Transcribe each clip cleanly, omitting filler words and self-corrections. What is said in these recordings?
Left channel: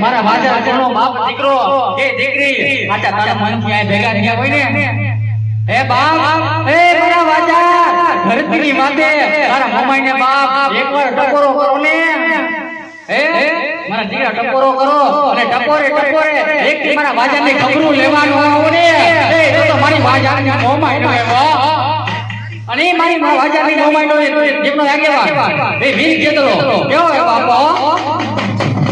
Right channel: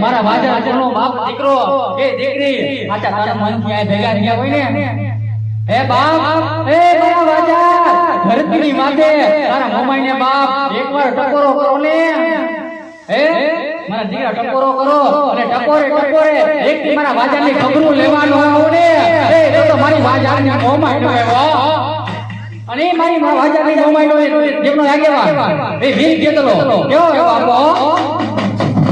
મારા વાજાનો બાપ દીકરો કે દીકરી આચા તારા મન ક્યાંય ભેગા થયા હોય ને હે બાપ એ મારા વાજા ધરતીની માથે તારા મોમાઈને બાપ એકવાર ટકોરો કરો ને હે મારા દીકરા ટકોરો કરો અને ટકોરે એક મારા વાજાની ખબરું લેવાનું આવો ને એ તો મારી વાજાની મોમાઈનો આવ્યો અને મારી વાજાની મોમાઈનો જેમનો આગેવાન એ વીર કેતલો કેવો હે બાપો રમવા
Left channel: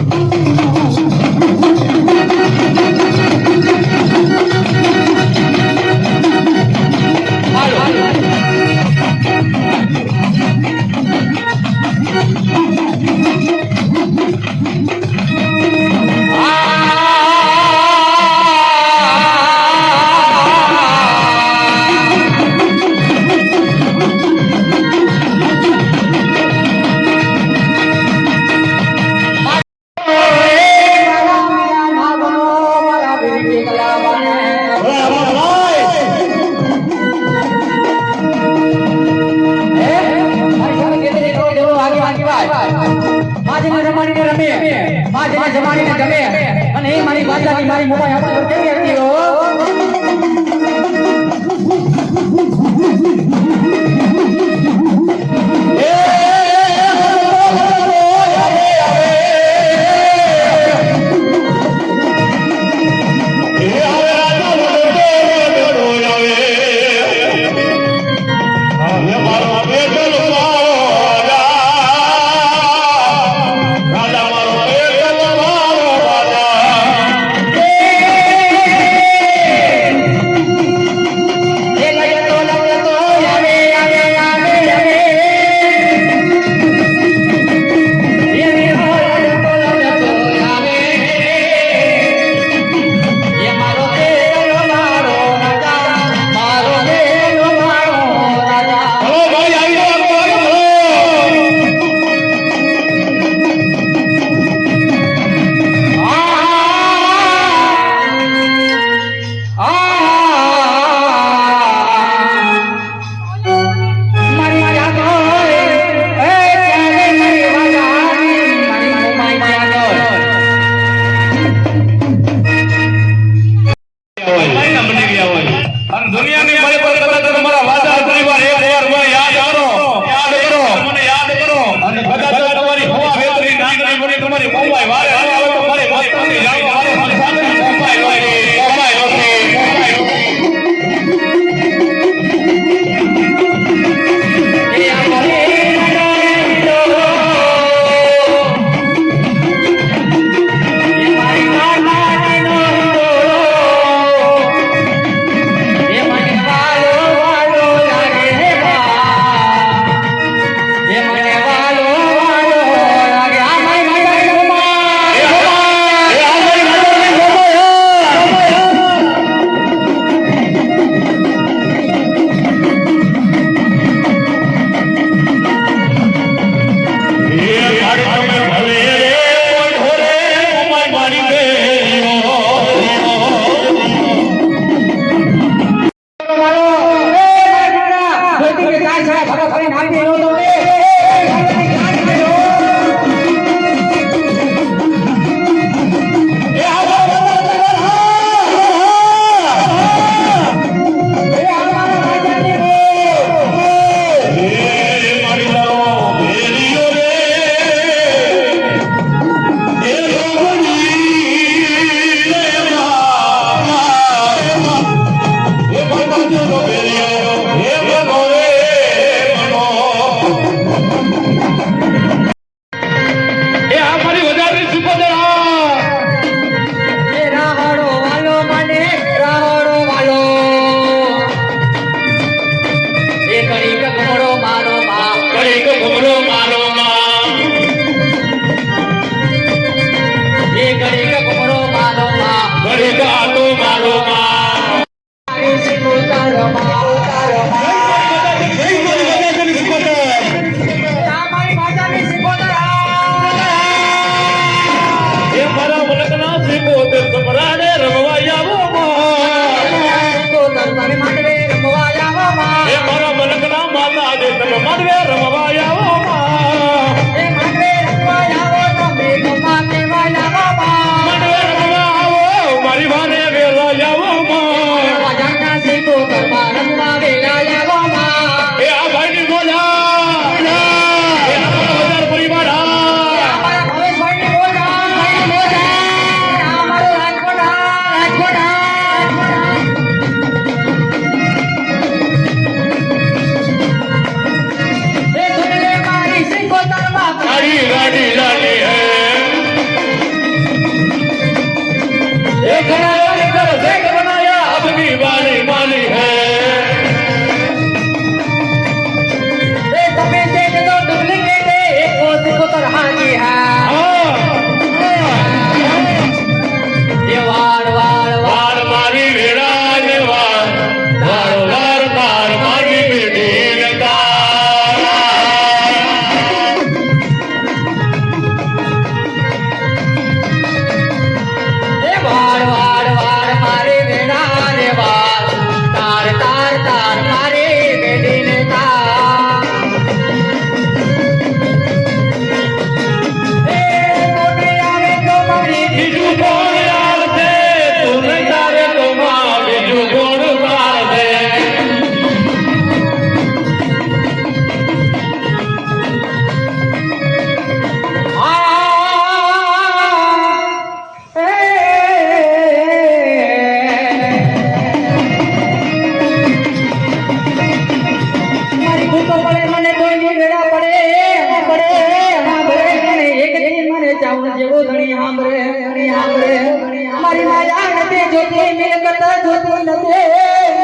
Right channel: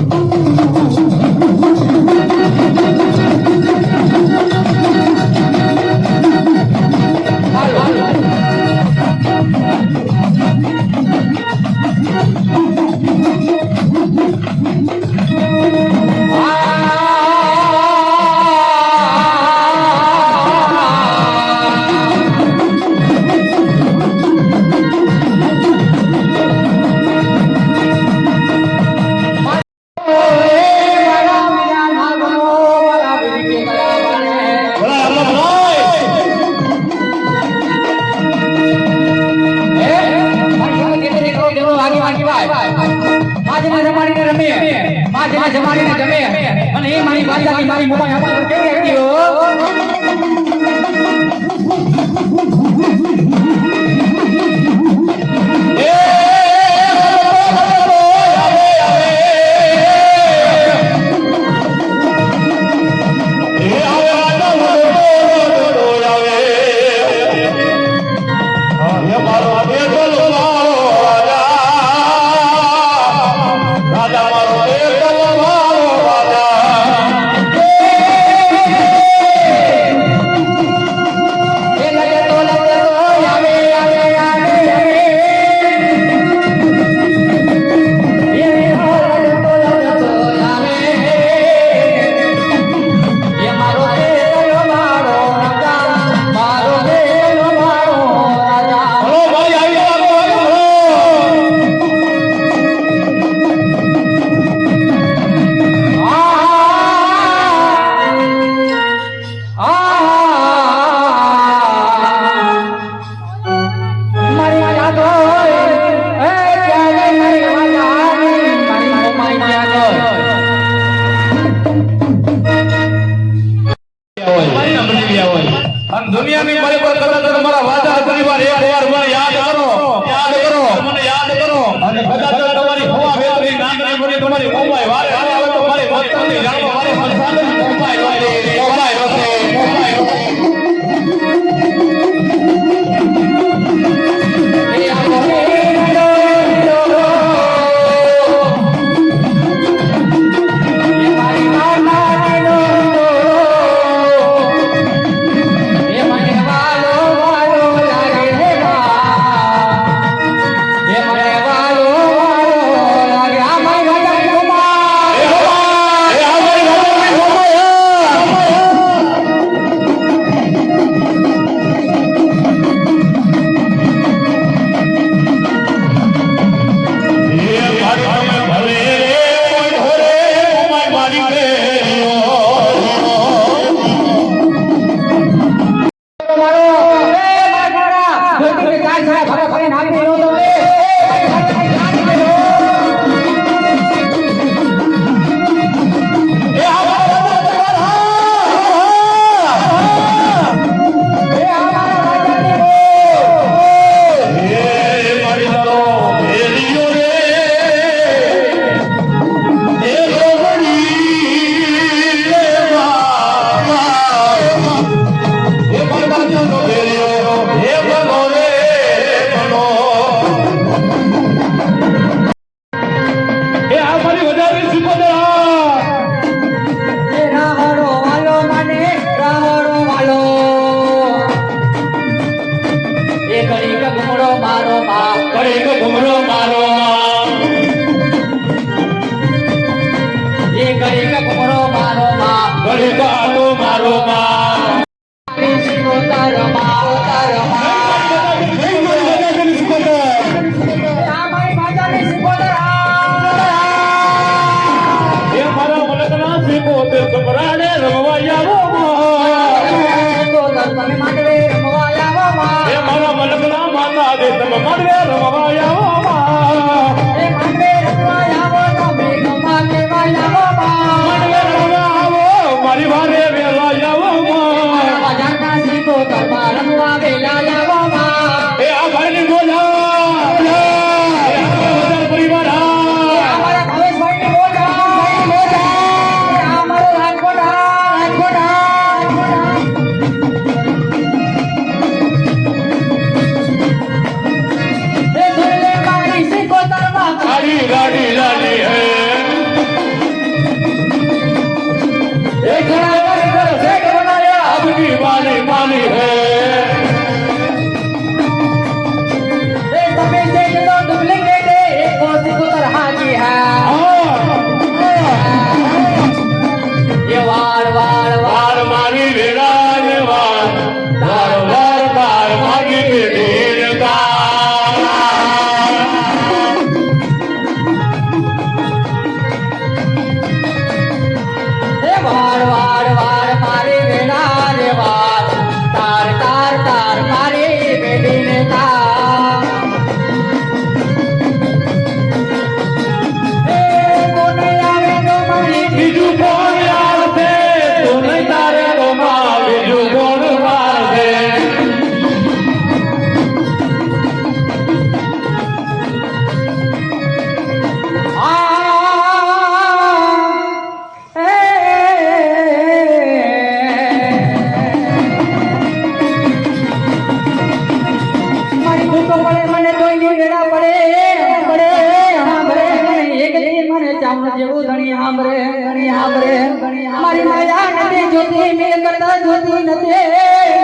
મારી માયા નથી જોતી મિલકત જોતી નથી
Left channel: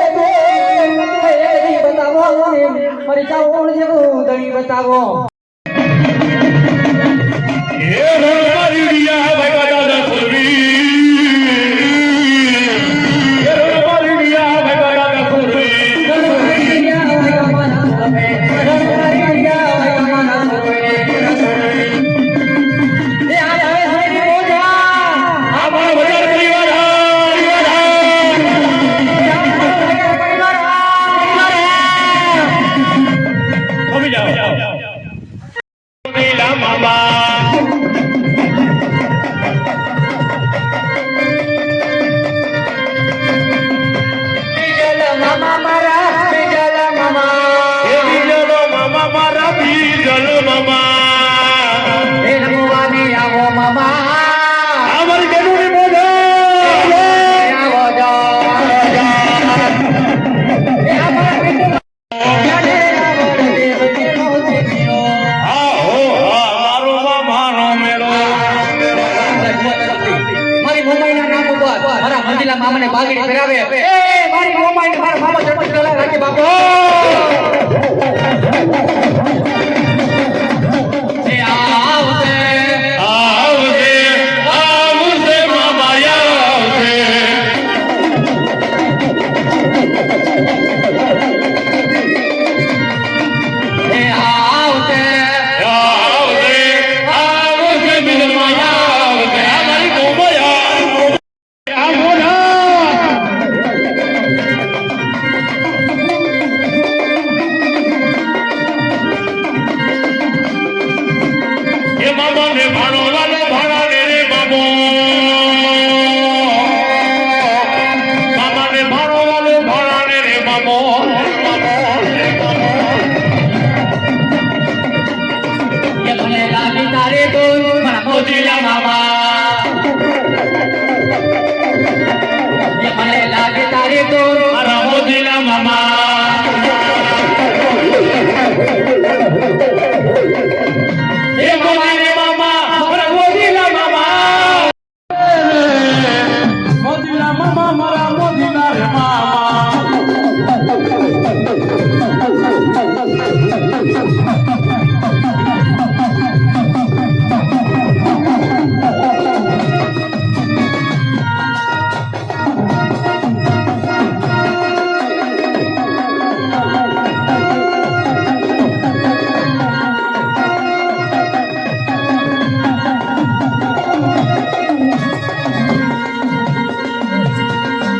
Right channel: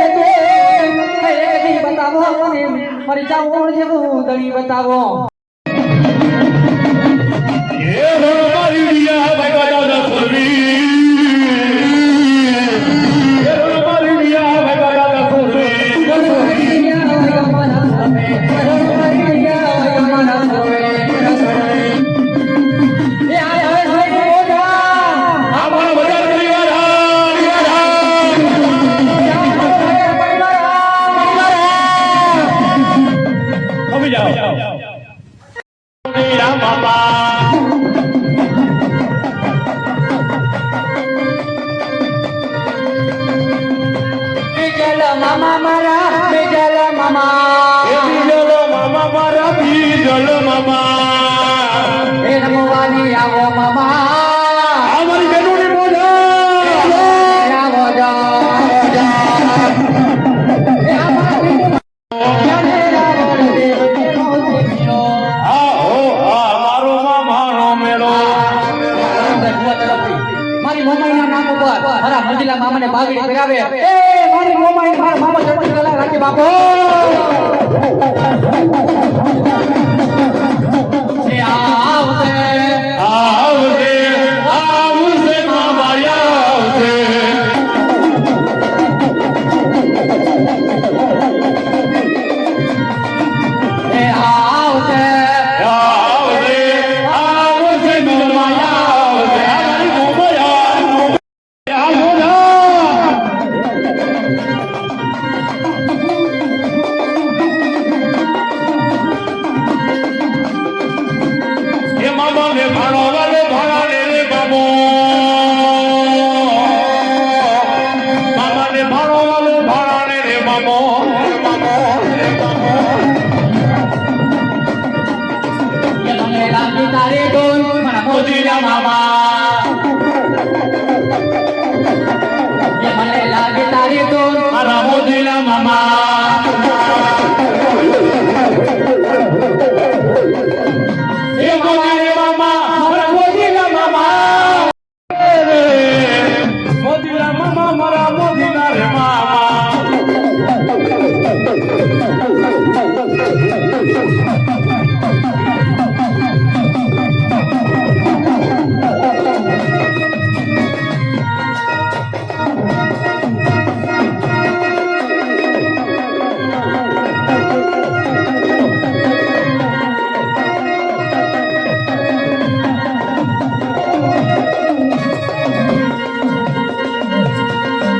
એક દી બતાવો મને મારી ચાવણ જેવું દણી બતાવો એ રણમારી રિયા ભગવાન સુરવી એ રણમારી રિયા ભગવાન સુરવી મામા મારા બેગલ મામા એ બીજલો મામા મારા બીજલ મામા એ રમવાની આવો મામા અમારી બેનુની મોજા આવો જા એ અમારા પિંડ જાને આવો દેવ કેનો દેવીનો આહો આ મારો મામાનો મેળો મારી મોમાઈના નામ ઉપર મારા મંજીલા મામાને બાગડી પહેરાવે એ મારી મોમાઈને મારા મામા ચટણી કલા રાખે બાપો એ આવશે આવશે આવશે મામા આવશે એ આવશે આવશે આવશે મામા આવશે અમારી મોમયા આવો ના એ મામા ને ભાણો વાલો ભાણા ને રે બાબો મામા ને ભાણો વાલો ભાણા ને રે બાબો એ મને લાગી તારે તો મારા મોજીલા મામા એ મને લાગી તારે તો મારા મોજીલા મામા એ મામા રે મામા મારા મોજીલા મામા મોજીલા મામા મારા મોજીલા રે મામા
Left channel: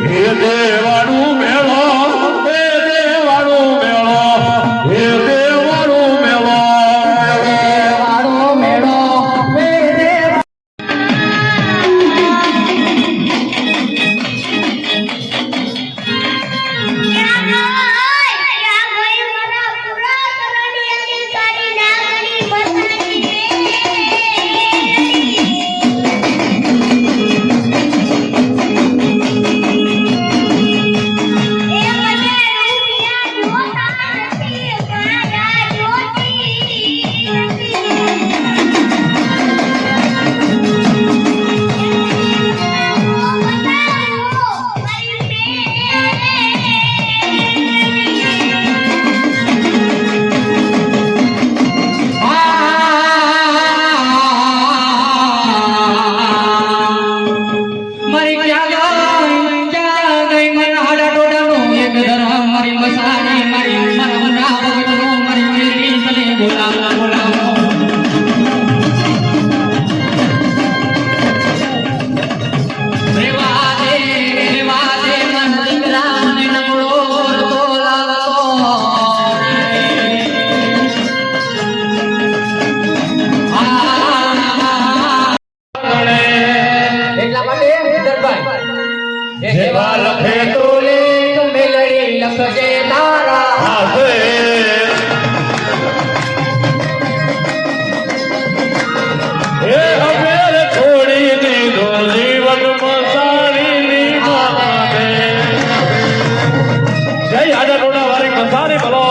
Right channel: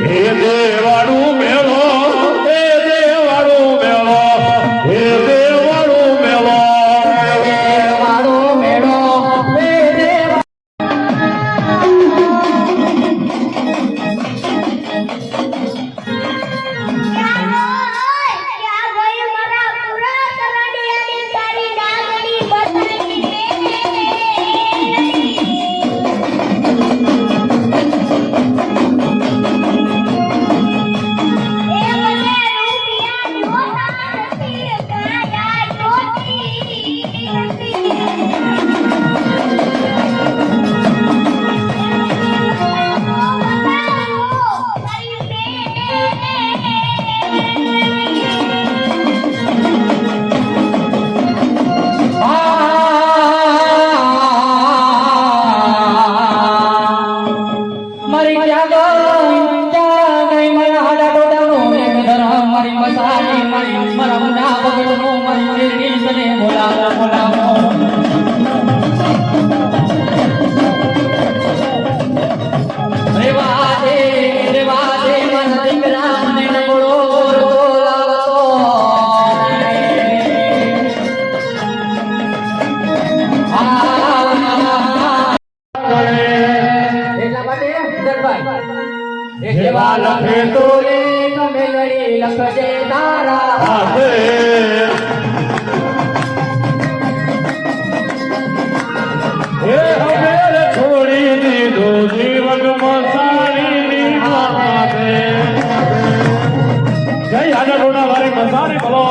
હે દેવાળું મેળો હે દેવાળું મેળો હે દેવાળું મેળો વાળો મેળો એ દેવા મારી ક્યાં ગઈ મારા હાડા ડોડાનો એક ધરમ મારી મસાણી મારી મારા મના ભગતનો મારી મેરી મને બોલાવો બોલાવો રેવાજે મન દીકરા મને નબળો બોલાવતો એટલા માટે દરબાર જેવા લખે તો મેલડી લખજે તારા હાથે હે હવે છોડી દીધો જીવન મસાણી માને જય આડા રોડા વાળી મસાણી બોલો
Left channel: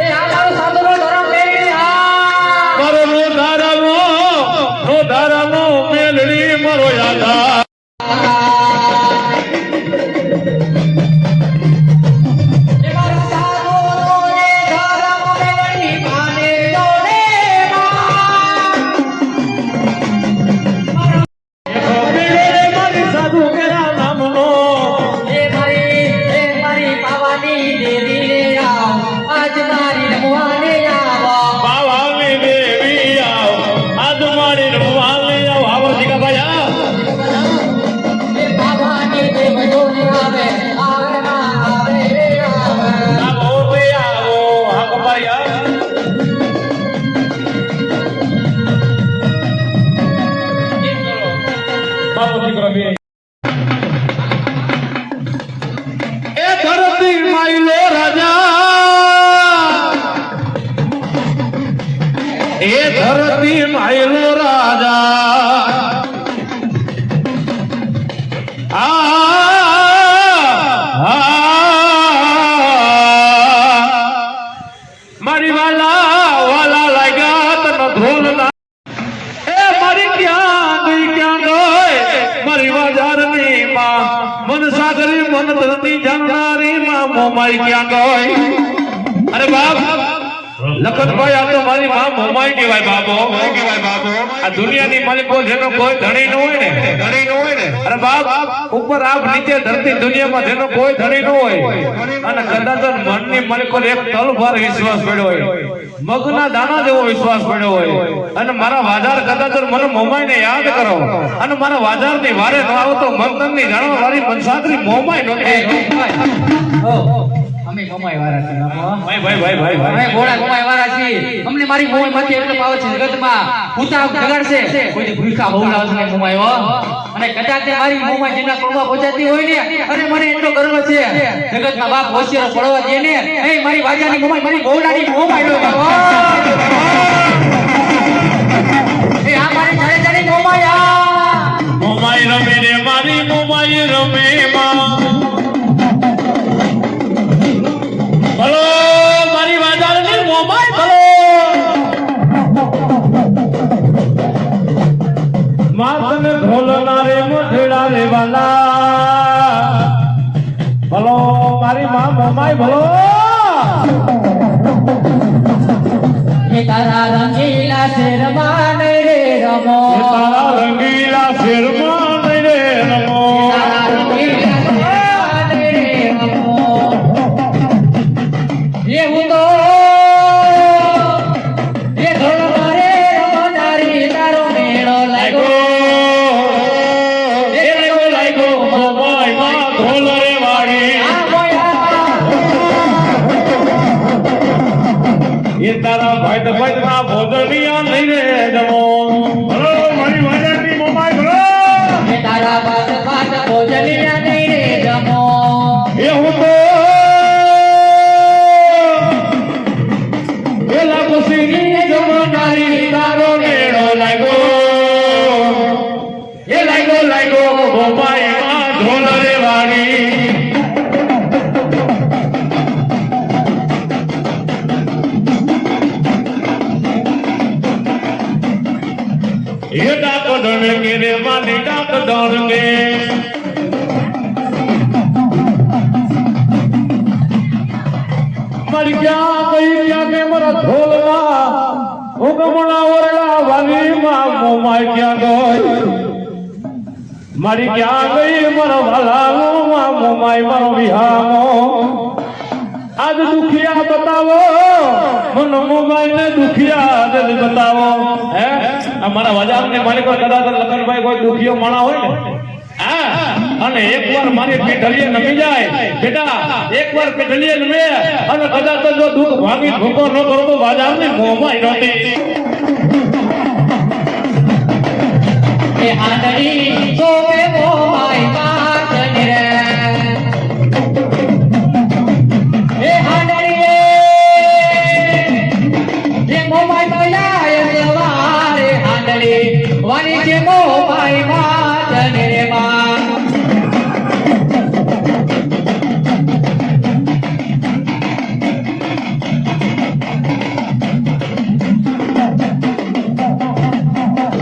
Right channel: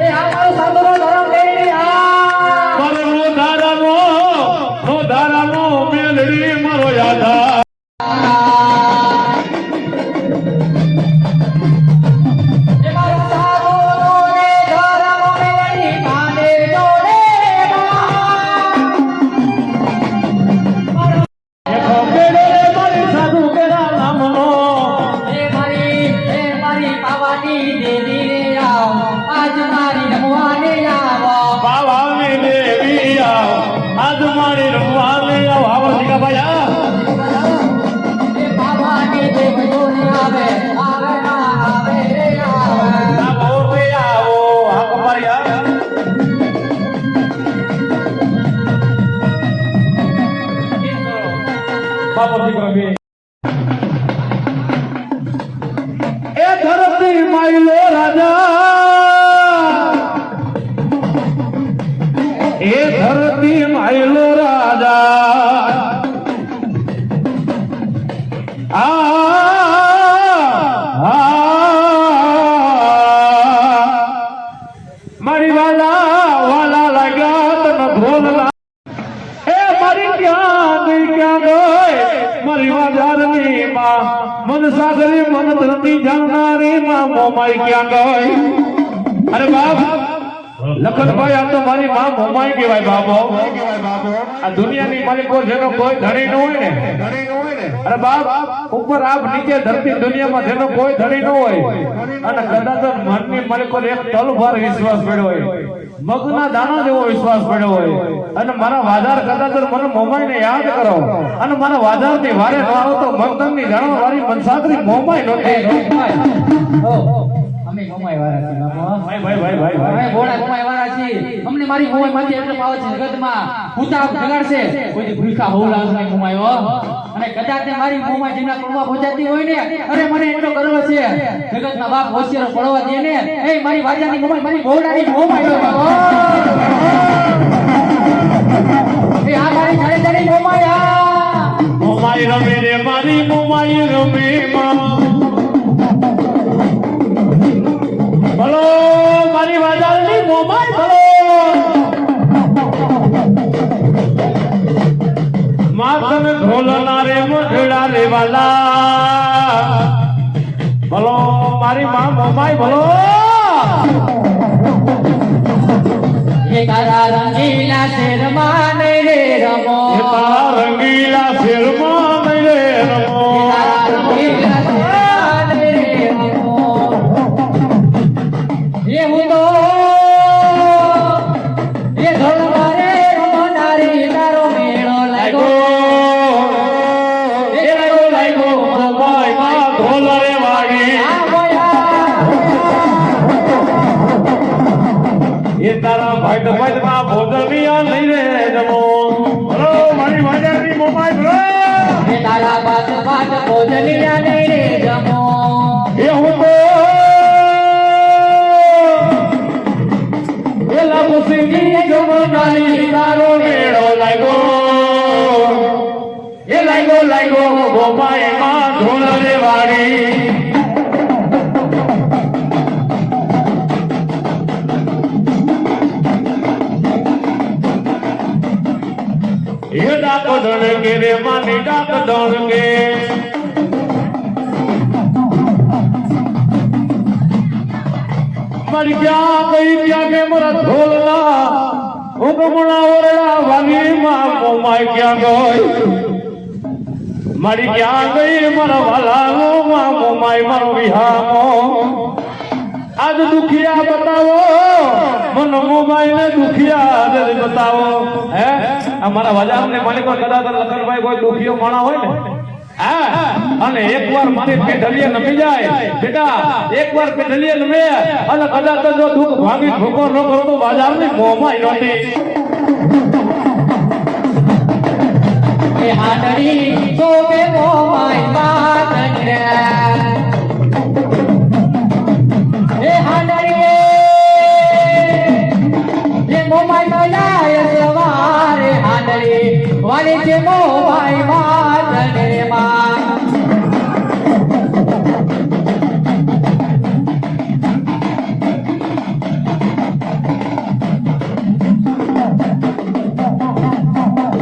એ આ મારો સાધુનો ધરમ લઈ આ મારો નો ધારામો મેલડી મારો યાદા મારી વાલા વાલા લાગ્યા તને ધ્રોલ એ મારી ક્યાં ગઈ મારી વાજારની માં મન સાગરી મન ધરતી જાણનારી માં મોમાઈ ક્યાં ગઈ અરે બાપ લખનભાઈ આ તો મારી માં મોમાઈ કહેવાય બાબો આ દુનિયાની માલિકો જેનો કોઈ ધણી ન હોય ને અરે બાપ ઉપર આપ નીચે ધરતી દુનિયામાં જેનો કોઈ ધણી ન હોય અને કદાચ મનની માલિકો એક તલવાર વિશ્વાસ પડ્યો હોય મગના દાણા જેવો વિશ્વાસ પડ્યો હોય અને મારા વાજાર કદાચ મને મોમાઈને યાદ કરો અને મારા વાજારની વારે ન આવો તો મગનની જાણવા વાળી મનસાદરી મોમાઈ નહોતી અમે મોમાઈ વાળા છીએ બાપુ. ભાઈ અમે ભોળા મોમાઈ વાળા છીએ. અમને મારી મોમાઈ માંથી એટલો પાવર છે જગતમાં ભૂતા જગાડશે કોઈ ભૂખા હોવડાવશે નહીં મોમાઈ હો. અને કદાચ તે મારી મોમાઈ જેના કોળમાં પહોંચાતી હોય ને અરે મને એટલો ગર્વ છે જગતના બાપ હોશિયારો પડવા દે ને એ મારી વાજાની મોમાઈ મારી ભોળાની મોમાઈ નો બાપો. એ આ મારી જાણી મોમાઈ આ મોમાઈ રમે રે મારી મોમાઈ રમે માં ભલો મારી વાજાની મોમાઈ ભલો માથને ઢોલના રે મઢેડા રે વાલા ભલો મારી માં મોમાઈ ભલો એ તારા રંગીલા શેરમાં નહીં રે રમો તારા રંગીલા શેરમાં નહીં રે રમો તારા રંગીલા શેરમાં નહીં રે રમો એ હું તો એ ઢોલ મારે રમનારી તારો મેળો લાગ્યો એ લાગ્યો મોમાઈ માં ઢોલ રે વાળી આ મોયા એ તારા ભાઈ તો ભાઈ ના ભોજનિયા નહીં રે જમો ભલો મારી વાજાની મોમાઈ ભલો એ તારા બાત બાત ભોજનિયા નહીં રે જમો એ હું તો એલા ખુશીની જમનારી તારો મેળો લાગ્યો એ લાગ્યો મોમાઈ માં ઢોલ રે વાળી એ ડાક ડણગે રે માની ડાક ડણગે મારી ક્યાં કે મારા ઢોલના હુકમના વરડા વાલી માં મોમાઈ ક્યાં ગઈ મારી ક્યાં ગઈ મારો વાલાનો માં મોમાઈ મારો વિહામો આજ દુખિયા બતાવો મન મોમાઈ ને દુખિયા આજ બતાવો હે અમારા બજારની માલિકો કદાચ લખનભાઈ કોઈ દુખિયો માણા હોય ને અને એકવાર મારી પેઢલીએ નમી જાય બેટા એકવાર પેઢલીએ નમે અને કદાચ જો દુઃખ ભાગી ભૂકો ન કરો તો બજારની મોમાઈ રોતી એ હાડડી સોમે મોમાઈ માત રે એ હાડડી એ મોમાઈ બોલાય સવારે હાડડી વાલી છે મોમાઈ માત રે માં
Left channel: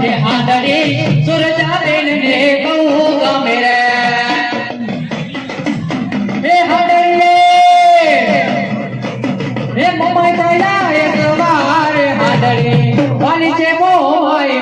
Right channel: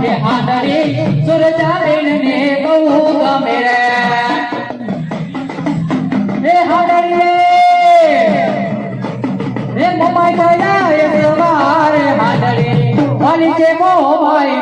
એ હાડડી સુરજાબેન ને કહું ગમે રે એ હાડડી એ મોમાઈ બોલાય સવારે હાડડી વાલી છે મોમાઈ